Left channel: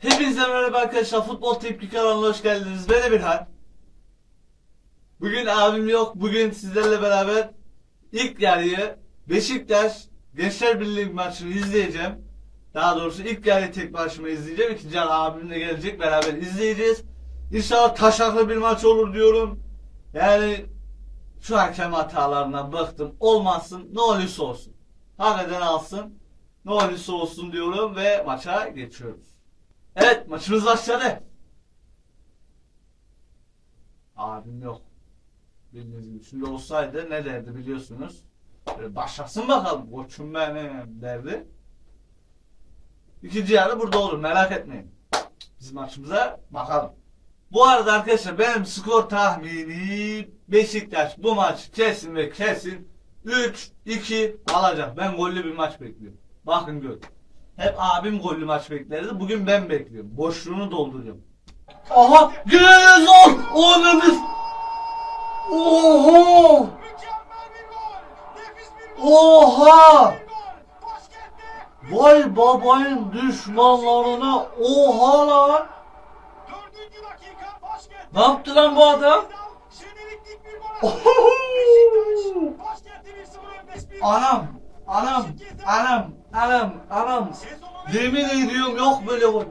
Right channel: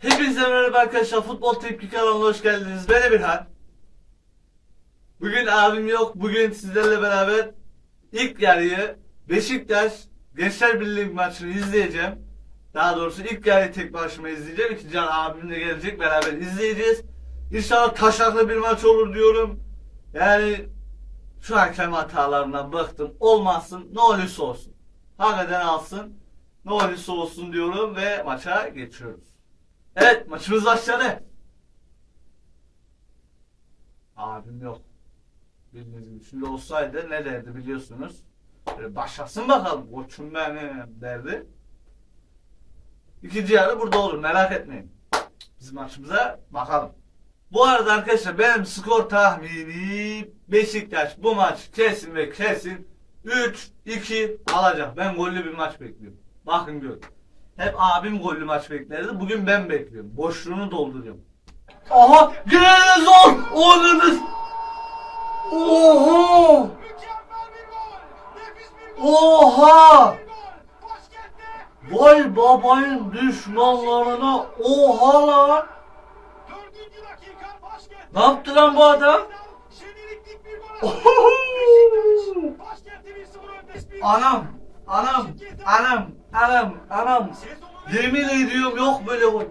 Hepinize merhaba arkadaşlar. Futbol Tepki kanalına hoş geldiniz. Ben Emirhan. Bugün abim yok. Bugün sizlerle beraber ilk yarıyı Beşiktaş Gençler Birliği maçını izleyeceğim. Daha doğrusu ilk yarıyı tek başıma izleyeceğim. İkinci yarı abimle gelecek. Beraber izleyeceğiz. İnşallah taşaklı bir maç olur diyorum. Yani şu hakem hatalarından bıktım. Olmazsın. Ne olursa olsun. Hakikaten alsın. Ne olursa olsun diyorum ve maça geçiyoruz. Evet maçımız başladı. Abim yok. Bildiğiniz gibi şimdi olsaydı ne derdi biliyorsunuz. Başlasın bakalım koçum benim derdi. İkinci yarı burada olur merak etmeyin. Biz maçımıza bakalım. Bu arada arkadaşlar benim skor tahmini Beşiktaş bu maç kesin ve kesin 3-2 alacak. Ben gollü bir maç bekliyorum. Bakın gör. Hep abim gollü maç beklerdi. Bugün ben bekliyorum. Boşluğunu dolduruyorum. Aha! Gene zor! Oynadınız! Oha! Oha! Vay babayın düşmanlarına oha lan! Ne yaptı lan bu adam? Anam, anam, anam, anam, anam. Yemin ediyorum yok böyle gol.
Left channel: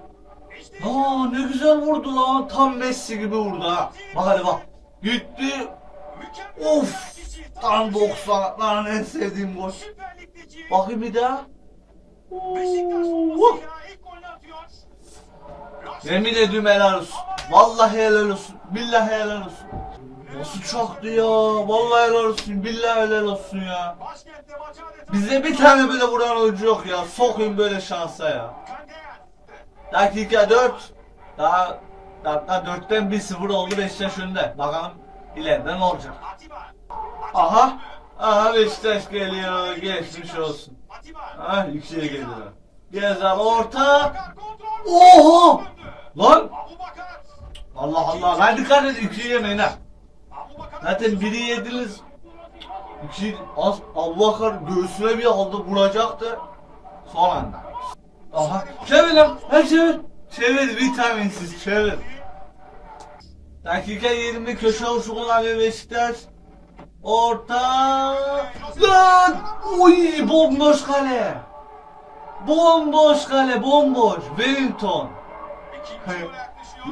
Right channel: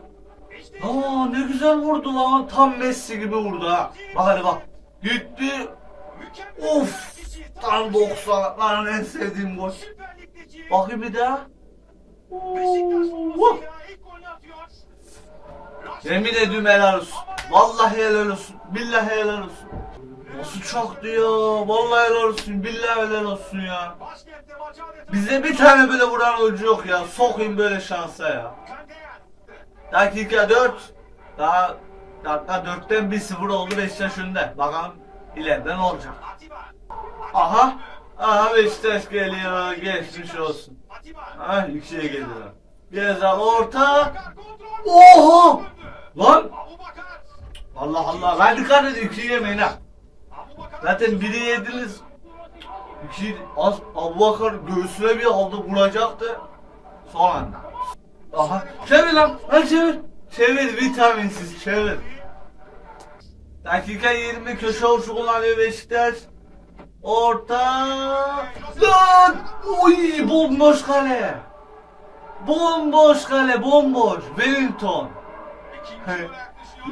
Aa ne güzel vurdu lan. Tam Messi gibi vurdu ha. Bak hadi bak. Gitti. Of. Tam 90 lan en sevdiğim gol. Bakayım bir daha. Oo. Yemin ediyorum helal olsun. Vallahi helal olsun. Billahi helal olsun. Nasıl çaktı ya? Vallahi helal olsun. Billahi helal olsun ya. Bize bir tane bile vuran oyuncu yok ya. Sokayım böyle şansa ya. Dakika 4. Daha dakika 4'ten 1-0 oldu Beşiktaş önde. Bakalım ileride ne olacak. Aha. Aha Beşiktaş geliyor. Geçmiş olsun. Ha ikiye geliyor. Gezal orta. Oha! Lan! Allah Allah. Ben dikkat edin. ikiyi yemeyin ha. Zaten biri yediniz. İki az Abubakar göğsüne bir aldı vuracaktı. Son anda. Aha çevir lan. Hadi çevir. Çevir vitaminsiz çevir. Dakika 20 köşe vuruşu kullanıyor Beşiktaş. Orta. Lan! Uy bomboş kale. Bomboş kale bomboş. Wellington.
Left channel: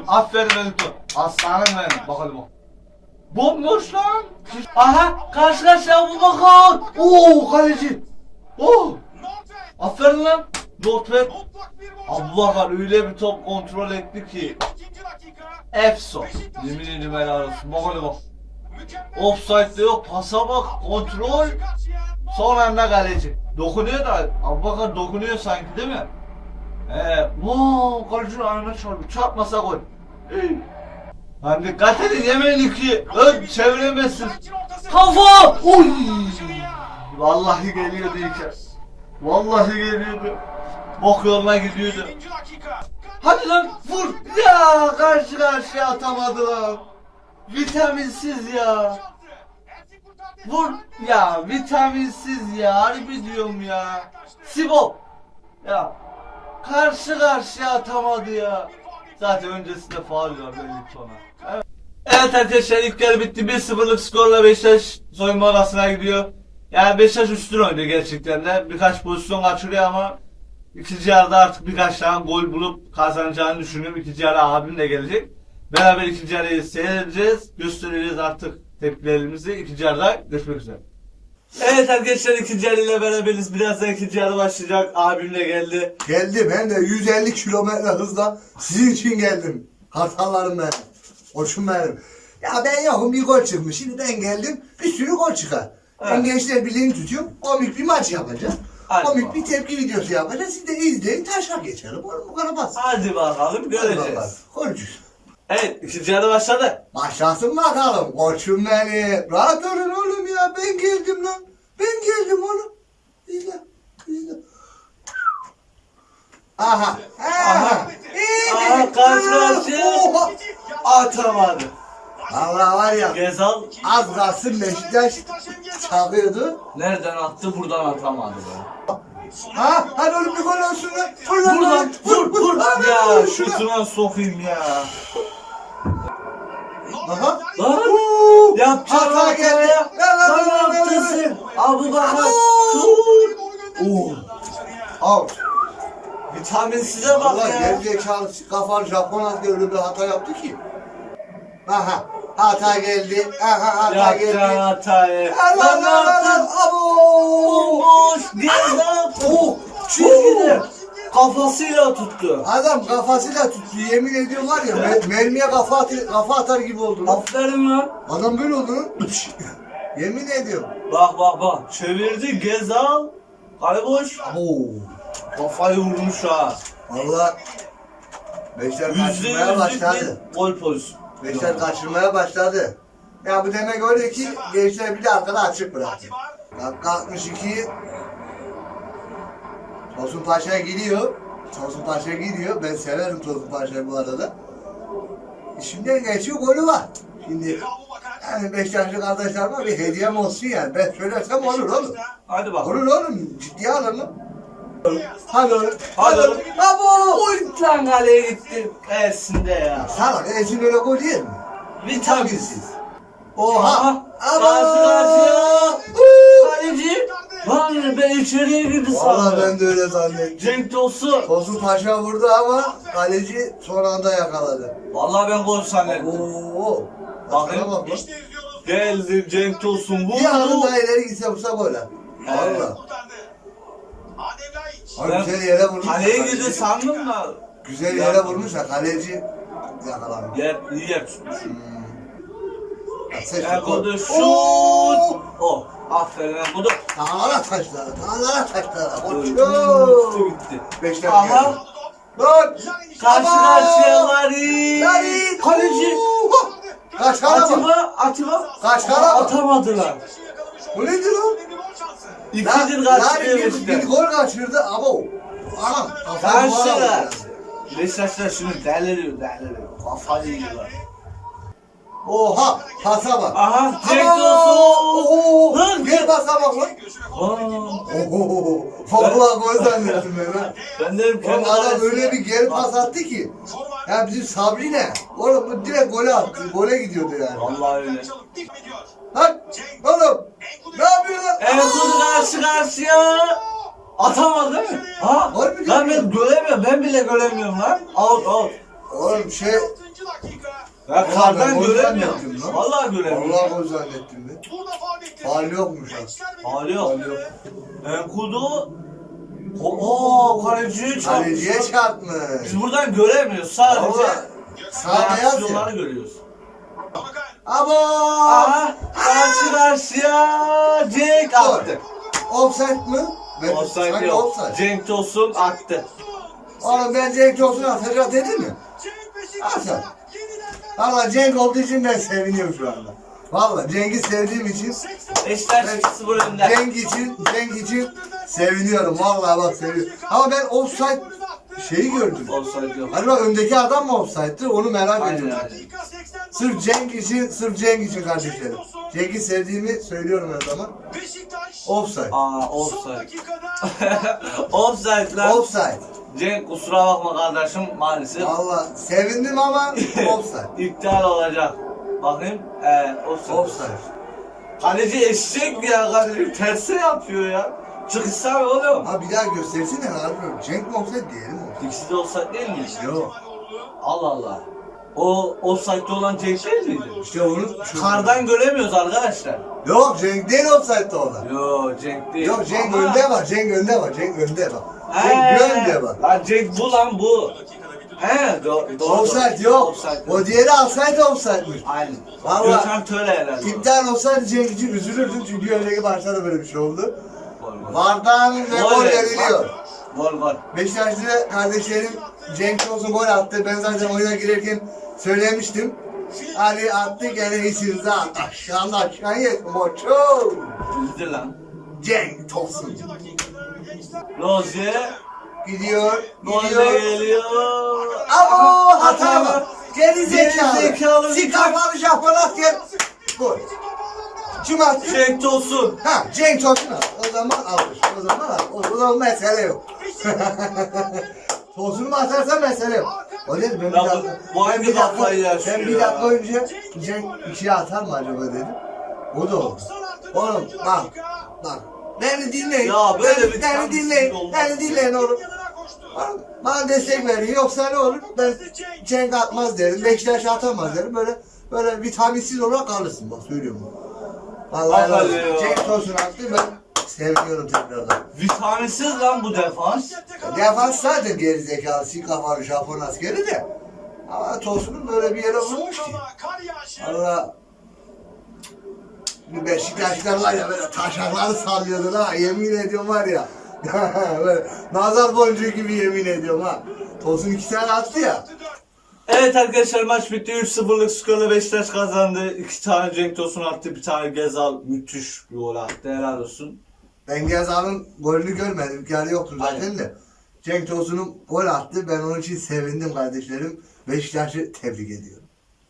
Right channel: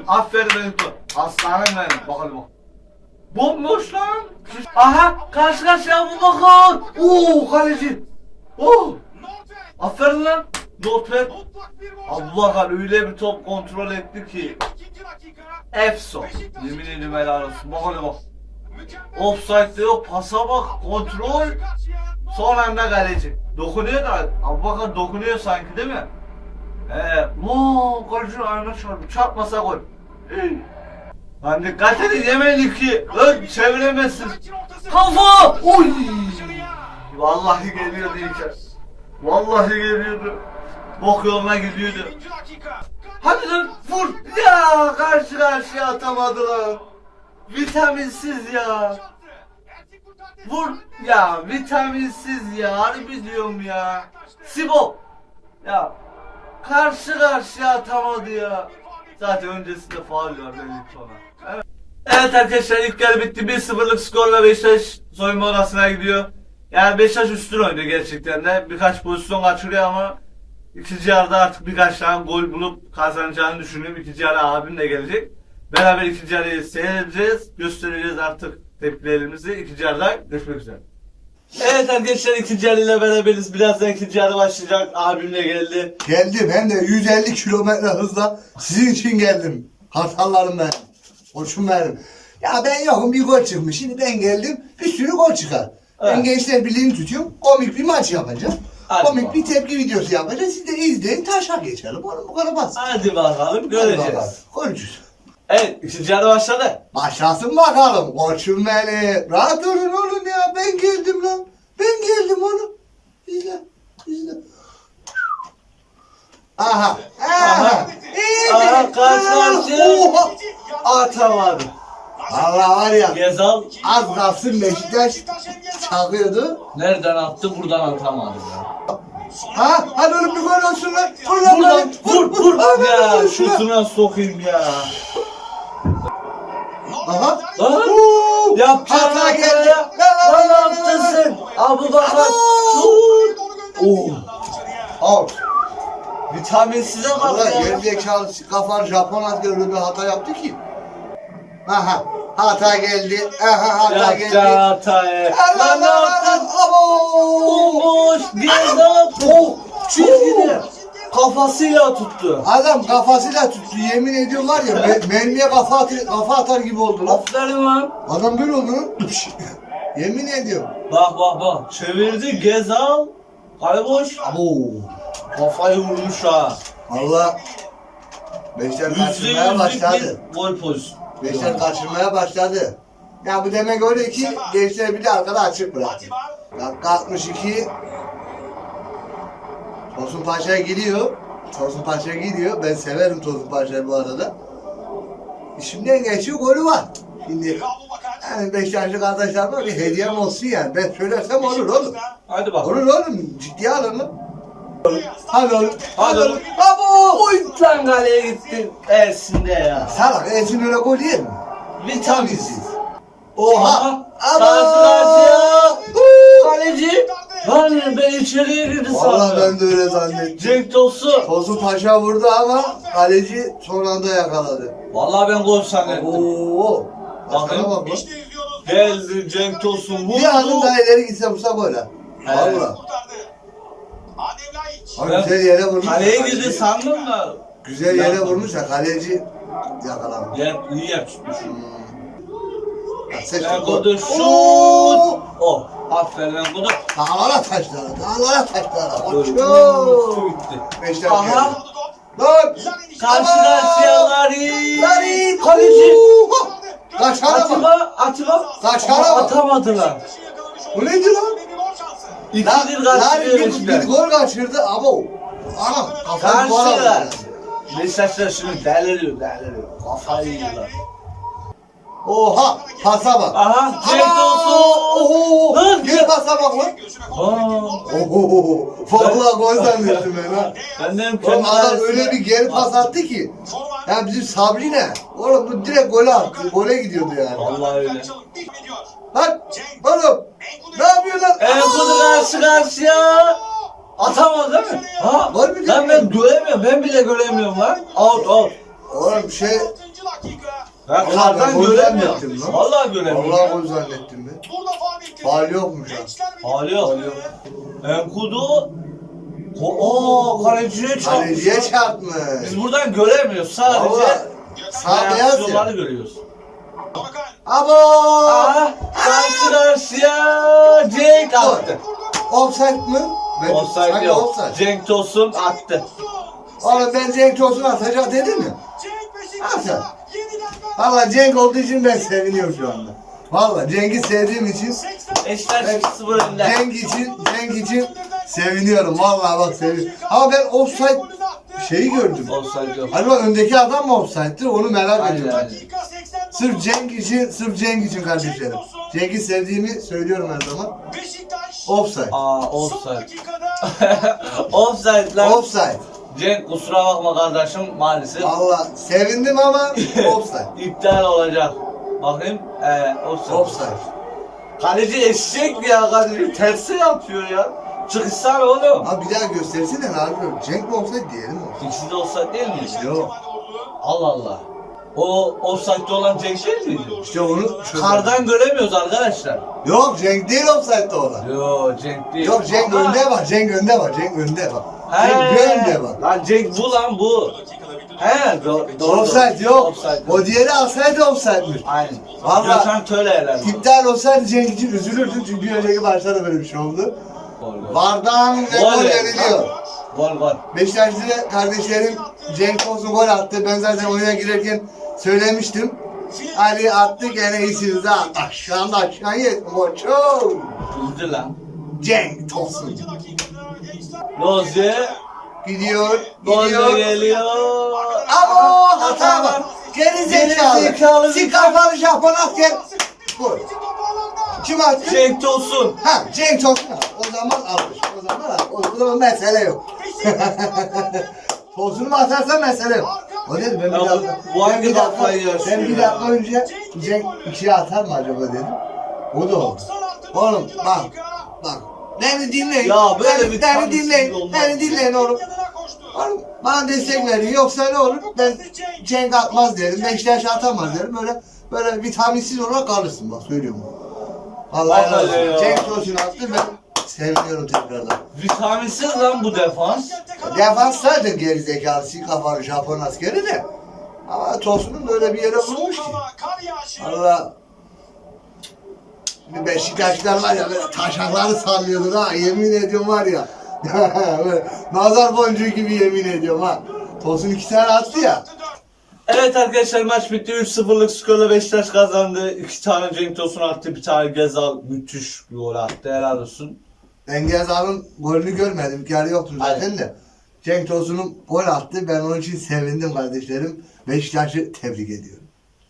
Aferin Wellington. Aslanım benim. Bakalım bak. Bomboş lan. Aha karşı karşıya bu bakar. Oo kaleci. Oo. Aferin lan. Notpad. Abubakar öyle bir top kontrol etti ki. Efso. Yemin ederim helal olsun. Bak hadi bak. Offside'de yok. Pasa bak. Kontrol. Son anda kaleci. Dokunuyor da Abubakar dokunuyor sanki değil mi? Ee, wow, kaleci ayağına çarptı. Çarpmasa gol. Lan dikkat edin yemeyin iki. Ön çeviremezsin. Kafa! Oy! Vallahi geliyordu ilk Vallahi geliyordu. Bok yoluna gidiyordu. Hadi lan vur. Ya karşı karşıya atamadı lan. Vitaminsiz ya. Vur. Ya vitaminsiz ya. Harbi diyorum ya. Sibo. Ya. Karşı karşıya atamadı ya. Zaten öncesinde faul Wellington'a. Evet. Evet arkadaşlar ilk yarı bitti. 1-0'lık skorla Beşiktaş soyunma odasına gidiyor. Yani Beşiktaş üstün oynuyor gerçekten de. Birkaç pozisyon kaçırıyor ama ikinci yarıda artık birkaç tane gol bulup kazanacağını düşünüyorum. İkinci yarı abim de gelecek. Beraber ikinci yarıyı seyredeceğiz. Göstereceğiz artık tepkilerimizi. İkinci yarıda görüşmek üzere. Evet arkadaşlar ikinci yarıyla beraberiz. Birazdan ikinci yarı başlayacak. Abim de geldi. Geldim hem de 150 kilometre hızla sizin için geldim. Hasanlarım ben. Benim. Ya ben yokum bir gol çıkmış. Şimdi ben geldim bir sürü gol çıkar. Ben Evet. Gençler Birliği'ni tutuyorum. Komik bir maç yapacağım. Hadi Komik bakalım. bir tepki videosu yapacağız. Siz de izleyin taşa geçelim. Oğlum bu kadar basit. Hadi bakalım Hadi bakalım. göreceğiz. Göreceğiz. Evet ikinci yarı başladı. Başlasın bakalım. Koçum beni. Rahat olun oğlum ya. Ben geldim lan. Ben geldim oğlum. İzle. İzle. Aha. Aha. Aha. İyi. Aha, karşı karşıya. Oha. Atamadı. Valla var ya. Gezal Az kalsın Beşiktaş çakıyordu. nereden attı buradan atamadı ya. Ha? Hadi oğlum bir gol olsun lan. Vur lan Vur lan lan. vur vur. Hadi Ya vur şuna. şutuna sokayım ya. Aha. Lan. Oo. Yapacağın Hata geldi. hataya. La la Lan la la ne la yaptın la. sen? Abu Bakar. Şut. Oo. Out. Vitaminsize bak Valla ya. gerizekalı kafan Japon asker öyle bir hata yaptı ki. Aha. Hata geldi. Aha hata Yapacağı geldi. hataya. Allah Allah Allah. Abo. Bomboş. Gezal. Oh. Çizgide. Kafasıyla tuttu. Adam kafasıyla tuttu. Yemin ediyorum var ya me- mermiye kafa, atır, kafa atar gibi oldu lan. Aferin lan. Adam böyle oldu lan. Yemin ediyorum. Bak bak bak. Çevirdi Gezal. Kayboş. Abo. Kafayı vurmuş ha. Valla Beşler Yüzde kaçırmaya yüzlük başladı. bir gol pozisyonu. Beşler kaçırmaya başladı. Ya bu demek öyle ki gençler bir de arkada açık bıraktı. Dakika 62. Tosun Paşa'ya gidiyor. Tosun Paşa'ya gidiyor. Ben severim Tosun Paşa'yı bu arada. Şimdiden geçiyor golü var. Şimdi yani Beşiktaşlı kardeşlerime bir hediyem olsun yani. Ben söylersem olur oğlum. Hadi bak. Olur oğlum. Ciddiye lan. Hadi oğlum. Hadi oğlum. Abo! Oy lan kaleye gitti. Ersinde ya. Salak Ezin öyle gol yer mi? Vitaminsiz. Oha! Abo! Karşı karşıya. Kaleci. Lan ben içeriye girdi Valla sandım. ben de öyle zannettim. Cenk Tosun. Tosun Paşa vurdu ama kaleci son anda yakaladı. Vallahi ben gol zannettim. Oo! Bakın. Başkana bak lan. Geldi Cenk Tosun vurdu. Bir adım daha ileri gitse vursa gol ha. Evet. Valla. Abi Ben güzel yere vurmuş. Kaleye girdi sandım da. Güzel yere vurmuş da kaleci yakalamış. Yer, iyi yer tutmuş. Ha, seç gol. şut. Oo! Oh. Aferin Enkodu. Dağlara taşlara, dağlara taşlara. Koçum. Gitti. Beşler Aha. geldi. Lan! Karşı karşıya Larin. Larin! Kaleci. Oha! Kaçana bak. Atiba, Atiba. Kaçana Aa, bak. Atamadılar. Bu neydi lan? İkidir kaçırıyor bir, bir Beşiktaş. gol kaçırdı ama o. Anam kafayı duvara Karşılar. vurdu. Beşiktaşlar şimdi deliriyor, deliriyor. Kafayı yiyorlar. Oha pasa bak. Aha, Ama! Tosun. Oho! Lan! Gel pasa bak lan. Aa, Oho! Vallahi gol zannettim ben ha. ben dedim Oğlum kendi adam öyle bir geri pas attı ki. Ya bizim Sabri ne? Oğlum bu direkt gole attı. Gole gidiyordu yani. Vallahi öyle. Lan! Oğlum! Ne yapıyorsun lan? Enkudu karşı karşıya. Atamadı değil mi? Ha? Var mı Lan ben göremiyorum. Ben bile göremiyorum lan. Out out. Oğlum şey... Ben ben kardan gol göremiyorum. zannettim lan. Vallahi göremiyorum. Vallahi gol zannettim ben. Faal yokmuş ha. Hali yok. Enkudu. Oo kaleciye çarpmış. Kaleciye lan. çarpmış. Biz buradan göremiyoruz sadece. Vallahi sağ beyaz reaksiyonları ya. görüyoruz. Abo! Aha karşı karşıya Cenk attı. Offside mı? Ben Offside sanki yok. offside. Cenk Tosun attı. Oğlum ben Cenk Tosun atacak dedim mi? Atın. Valla Cenk olduğu için ben seviniyorum şu anda. Valla Cenk'i sevdiğim için Beşiktaş Ben- 2-0 önde. Cenk için Cenk için seviniyorum. Valla bak seviyorum. Ama ben offside şeyi gördüm. Offside yok. Acaba öndeki adam mı offside'ti onu merak Aynen, ediyorum. aynen. Sırf Cenk için, sırf Cenk için kardeşlerim. Cenk'i sevdiğimi söylüyorum her zaman. Offside. Aa offside. offside lan. Offside. Cenk kusura bakma kardeşim maalesef. Valla sevindim ama offside. İptal olacak. Bakayım. Ee, offside. Offside. Kaleci eşek ya kaleci tersi yapıyor ya. Çıkışsana oğlum. Abi bir daha göstersene ne yapıyorum? Cenk mi offside diyelim mi? İkisi de offside değil mi? Yok. Allah Allah. O offside'de olan Cenk değil miydi? İşte onu Kardan göremiyoruz arkadaşlar. Yok Cenk değil offside'de olan. Yo Cenk değil. Yok Cenk Ama- önde bak. Cenk önde bak. Cenk önde bak. He. Cenk önde bak. Lan Cenk bu lan bu. He do doğru. Offside yok. Offside O diğeri alsaydı offside'miş. Aynen. Vallahi- Gökhan Töre herhalde. İptal olsaydı Cenk için üzülürdün çünkü bir önceki maçta da böyle bir şey oldu. Gol gol. Vardan ve Gol gol ver, veriliyor. Gol gol. Beşiktaşlı kardeşlerim Cenk olsun gol attı. Ben zaten oyuna girerken söylemiştim. Ali attı gene iyisiniz ha. Aşağıdan aşağıya koçum. Üzdü lan. Cenk Tosun. Lozier. Gidiyor, gidiyor. geliyor. Ama hata var. Geri zekalı. zekalı. Si kafalı Japon asker. Gol. Kim attı? Cenk Tosun. Ha Cenk Tosun. O zaman almış. O zaman al. O, o zaman mesele yok. Tosun'u mu atarsa mesele yok. O dedi ben bir Ya bu- dakika. bu ben hangi bir dakika, kafayı yaşıyor ben bir ya? dakika önce Cenk ikiye atar mı acaba dedim. O da oldu. Oğlum bak. Bak. Beni dinleyin. Ya böyle beni, bir beni dinleyin. olmaz. Beni dinleyin oğlum. Oğlum, Bana destek verin. Yoksa ne olur? Ben Cenk atmaz derim. Beşiktaş atamaz derim. Böyle böyle vitaminsiz olarak kalırsın bak söylüyorum. Vallahi olsun. Vallahi ya. Cenk Tosun attı ben seviniyorum tekrardan. Vitaminsiz lan bu defans. Defans zaten gerizekalı, si kafalı Japon askeri de. Ama Tosun'un böyle bir yere vurmuş ki. Allah bir Beşiktaşlar var ya böyle taşakları sallıyordu ha yemin ediyorum var ya. böyle nazar boncuğu gibi yemin ediyorum ha. Tosun iki tane attı ya. Evet arkadaşlar maç bitti. 3-0'lık skorla Beşiktaş kazandı. İki tane Cenk Tosun attı. Bir tane Gezal müthiş bir gol attı. Helal olsun. Ben Gezal'ın golünü görmedim. Yarı yoktu zaten Aynen. de. Cenk Tosun'un gol attı. Ben onun için sevindim kardeşlerim. Beşiktaş'ı tebrik ediyorum.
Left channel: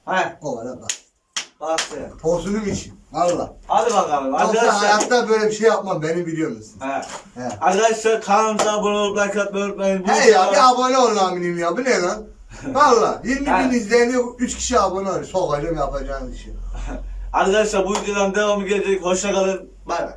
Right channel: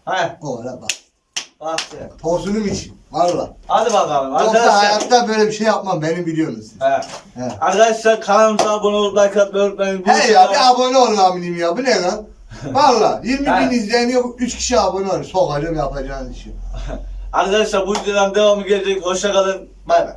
He. O ara bak. Attı. Tosun'um için. Valla. Hadi bakalım Yoksa arkadaşlar. hayatta böyle bir şey yapmam. Beni biliyorsunuz. He. He. Arkadaşlar kanalımıza abone olup like atmayı unutmayın. Bu He ya videolar- bir abone olun amirim ya. Bu ne lan? Valla 20 bin He. izleniyor. 3 kişi abone oluyor. Sokacağım yapacağınız işi. Arkadaşlar bu videodan devamı gelecek. Hoşça kalın. Bay bay.